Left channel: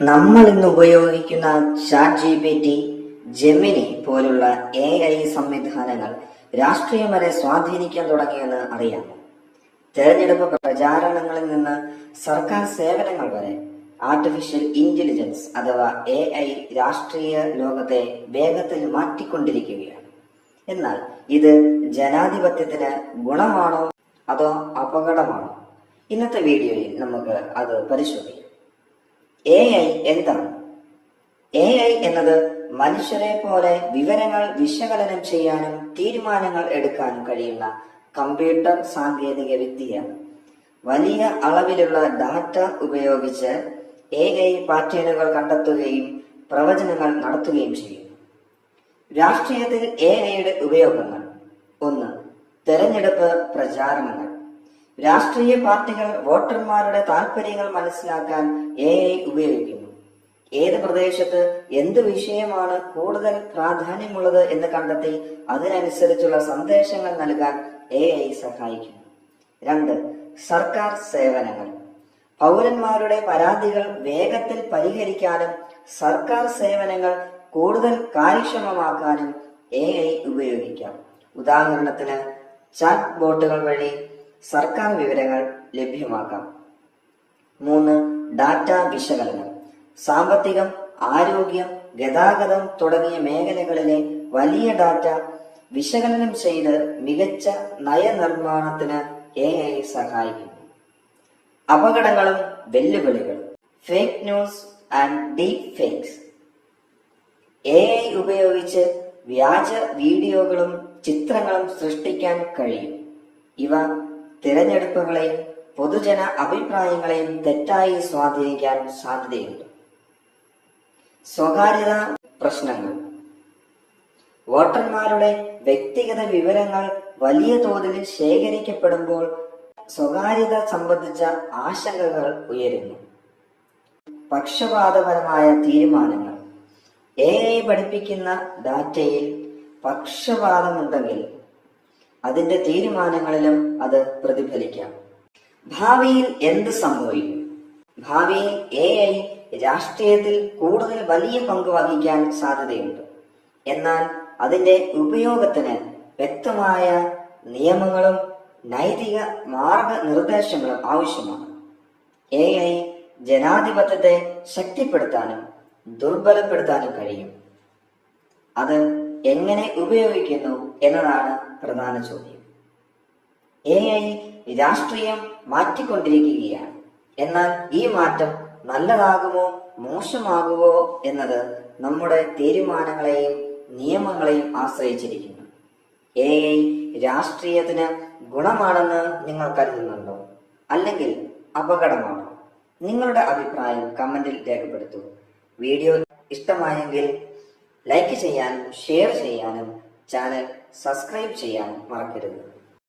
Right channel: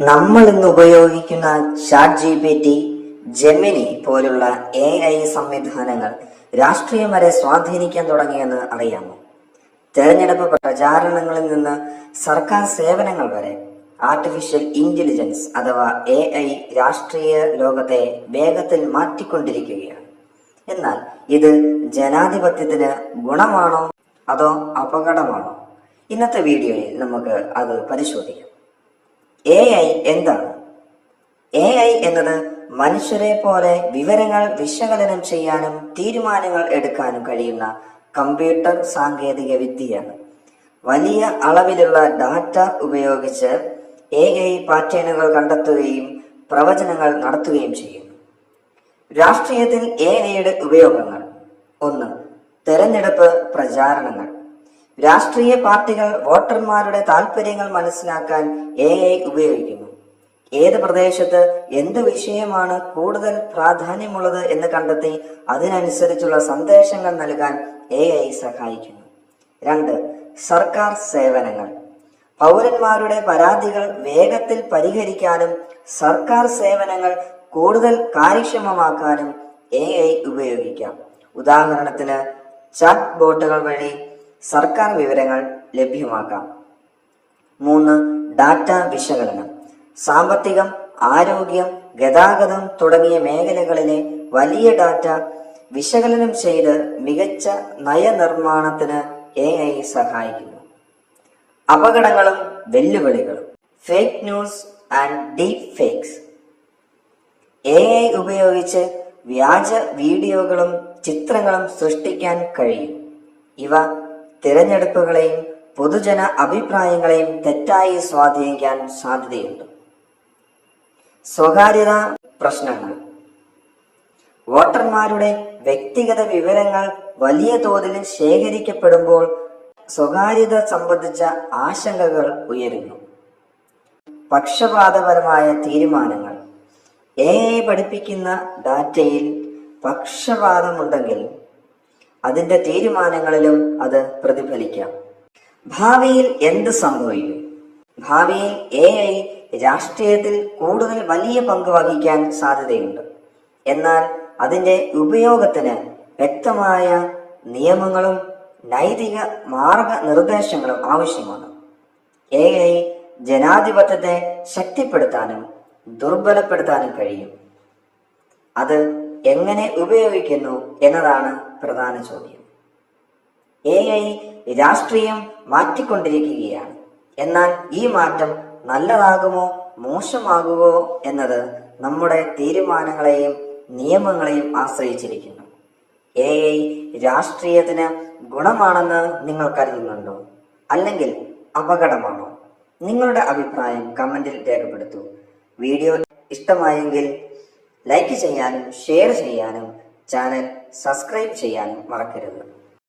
നമ്മൾ ഇന്ന് ഉപയോഗിക്കുന്ന ChatGPT, ജെമിനി പോലുള്ള AI സംവിധാനങ്ങൾ രാഷ്ട്രീയം വരെ സ്വാധീനിക്കാൻ തുടങ്ങിയെന്ന് അറിയാമോ? തെരഞ്ഞെടുപ്പ് പ്രചാരണങ്ങളിൽ നിന്ന് സർക്കാർ സേവനങ്ങൾ വരെ ആർട്ടിഫിഷ്യൽ ഇന്റലിജൻസ് അഥവാ AI രാഷ്ട്രീയ ലോകത്തെ വേഗത്തിൽ മാറ്റിക്കൊണ്ടിരിക്കുകയാണ്. എന്നാൽ ഇത് ജനാധിപത്യത്തിന് ഗുണമാണോ അതോ അപകടമാണോ? ഇന്നത്തെ വീഡിയോയിൽ നമുക്ക് അത് പരിശോധിക്കാം. AI എന്താണ്? AI എന്നത് മനുഷ്യരെ പോലെ വിവരങ്ങൾ വിശകലനം ചെയ്യാനും തീരുമാനങ്ങൾ എടുക്കാനും കഴിയുന്ന കമ്പ്യൂട്ടർ സാങ്കേതിക വിദ്യയാണ്. വലിയ അളവിലുള്ള ഡാറ്റ ഉപയോഗിച്ച് AI പാറ്റേണുകൾ കണ്ടെത്തുകയും പ്രവചനങ്ങൾ നടത്തുകയും ചെയ്യുന്നു. രാഷ്ട്രീയത്തിൽ AIയുടെ ഉപയോഗങ്ങൾ: 1. തെരഞ്ഞെടുപ്പ് പ്രചാരണങ്ങൾ. രാഷ്ട്രീയ പാർട്ടികൾ വോട്ടർമാരുടെ താൽപര്യങ്ങൾ മനസ്സിലാക്കാൻ AI ഉപയോഗിക്കുന്നു. ഏത് പ്രദേശത്ത് എന്ത് വിഷയമാണ് കൂടുതൽ പ്രാധാന്യമുള്ളത് എന്ന് കണ്ടെത്തി അതിനനുസരിച്ചുള്ള സന്ദേശങ്ങൾ നൽകാൻ AI സഹായിക്കുന്നു. 2. സർക്കാർ സേവനങ്ങൾ. പൗരന്മാരുടെ പരാതികൾ വേഗത്തിൽ പരിഹരിക്കാനും സർക്കാർ സേവനങ്ങൾ കൂടുതൽ കാര്യക്ഷമമാക്കാനും AI ഉപയോഗിക്കാം. ഉദാഹരണത്തിന് ചാറ്റ് ബോട്ടുകൾ വഴി സർക്കാർ വിവരങ്ങൾ ലഭ്യമാക്കാം. 3. ഡാറ്റ വിശകലനം. സാമ്പത്തികം, ആരോഗ്യം, ഗതാഗതം തുടങ്ങിയ മേഖലകളിലെ വലിയ ഡാറ്റ വിശകലനം ചെയ്ത് മികച്ച നയനിർമ്മാണത്തിന് AI സഹായിക്കുന്നു. അപകടങ്ങളും വെല്ലുവിളികളും. Fake news and deep fakes. AI ഉപയോഗിച്ച് വ്യാജ വീഡിയോകളും ചിത്രങ്ങളും സൃഷ്ടിക്കാൻ കഴിയും. ഇവ തിരഞ്ഞെടുപ്പുകളെയും പൊതുജന അഭിപ്രായങ്ങളെയും തെറ്റായി സ്വാധീനിക്കാൻ സാധ്യതയുണ്ട്. സ്വകാര്യത പ്രശ്നങ്ങൾ. വോട്ടർമാരുടെ വ്യക്തിഗത വിവരങ്ങൾ വലിയ തോതിൽ ശേഖരിക്കപ്പെടുമ്പോൾ സ്വകാര്യത സംബന്ധിച്ച ആശങ്കകൾ ഉയരുന്നു. പക്ഷപാതപരമായ തീരുമാനങ്ങൾ. AI പഠിപ്പിക്കുന്ന ഡാറ്റയിൽ പക്ഷപാതമുണ്ടെങ്കിൽ അതിന്റെ തീരുമാനങ്ങളിലും അത് പ്രതിഫലിക്കാം. ഭാവിയിൽ എന്ത് സംഭവിക്കും? ഭാവിയിൽ AI രാഷ്ട്രീയത്തിൽ കൂടുതൽ വലിയ പങ്ക് വഹിക്കാൻ സാധ്യതയുണ്ട്. എന്നാൽ അതിന്റെ ഉപയോഗത്തിന് വ്യക്തമായ നിയമങ്ങളും നൈതിക മാർഗനിർദ്ദേശങ്ങളും ആവശ്യമാണ്. AI ജനാധിപത്യത്തെ ശക്തിപ്പെടുത്താനും ദുർബലപ്പെടുത്താനും കഴിയും. അത് എങ്ങനെ ഉപയോഗിക്കുന്നു എന്നതാണ് പ്രധാന ചോദ്യം. AI രാഷ്ട്രീയം മാറ്റിക്കൊണ്ടിരിക്കുകയാണ്. എന്നാൽ ഈ മാറ്റം നല്ലതാകുമോ മോശമാകുമോ എന്നത് നമ്മുടെ തീരുമാനങ്ങളെയും നിയമങ്ങളെയും ആശ്രയിച്ചിരിക്കുന്നു. AI രാഷ്ട്രീയത്തിന് ഗുണമാണെന്ന് നിങ്ങൾ കരുതുന്നുണ്ടോ? അല്ലെങ്കിൽ അപകടമാണോ? നിങ്ങളുടെ അഭിപ്രായം കമന്റിൽ രേഖപ്പെടുത്തൂ. വീഡിയോ ഇഷ്ടമായെങ്കിൽ ലൈക്ക് ചെയ്യാനും ഷെയർ ചെയ്യാനും ചാനൽ സബ്സ്ക്രൈബ് ചെയ്യാനും മറക്കരുത്.